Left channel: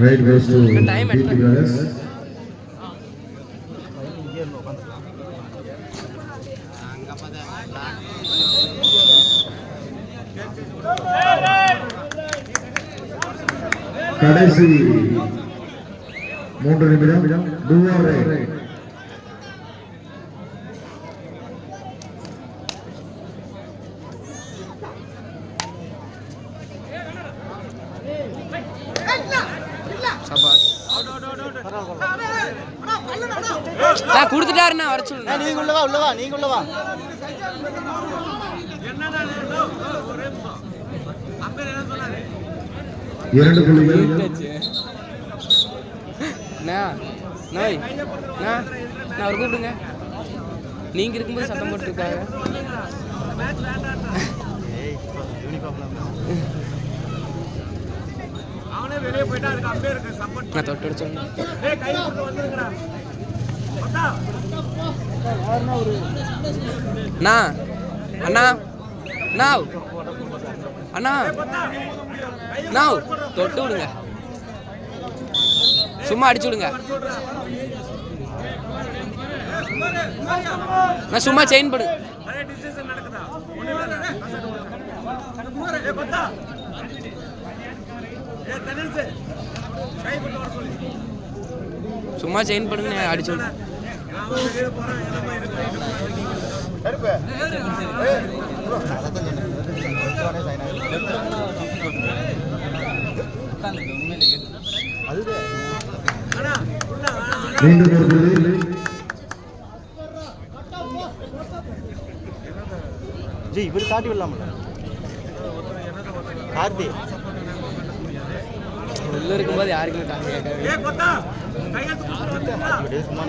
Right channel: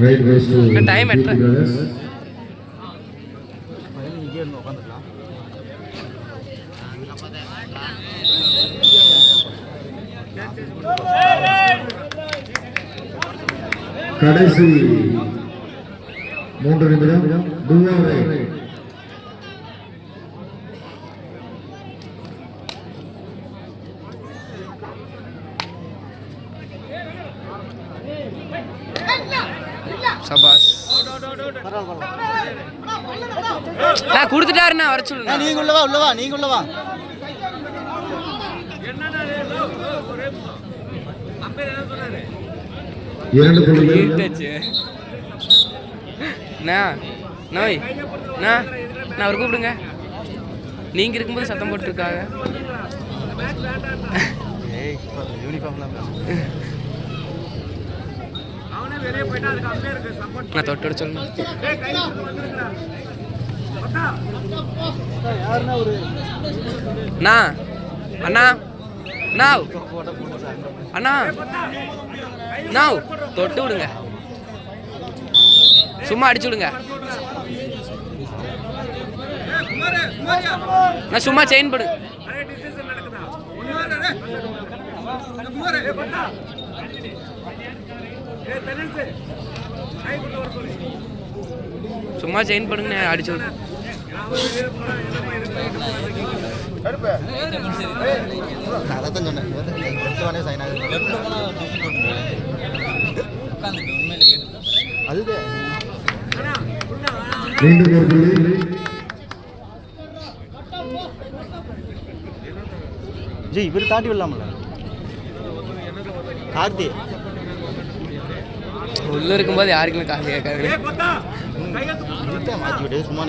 Right goes to BP Brothers. கடைசி 3 நிமிடம் டூஆர் right. சபாஸ் நான் கொடுத்துட்டாருண்ணா வர சொல்லுங்க. நீங்க உள்ளவா உள்ளவா நீங்க உள்ளவா இரண்டு புள்ளிகள். நோய் நான் அவர் கூப்பிடுங்க. நீங்க இருக்கும்போது சத்தம் போட்டுருக்காங்க. நான் தொட்டு சொல்லுங்க. அண்ணா அண்ணா நாவ் அண்ணா நாவ் தொட்டு விடுங்க. சும்மா அடிச்சு விடுங்க. நான் சும்மா செயின் போடு. சும்மா செயின் பண்ணுங்க. அடிச்சு விடு. ஜி இவர் தாட்டி விடலாம்ல கார்த்தி உள்ள இருக்கும்போது யாருக்குமே காசு கேட்காது. சும்மா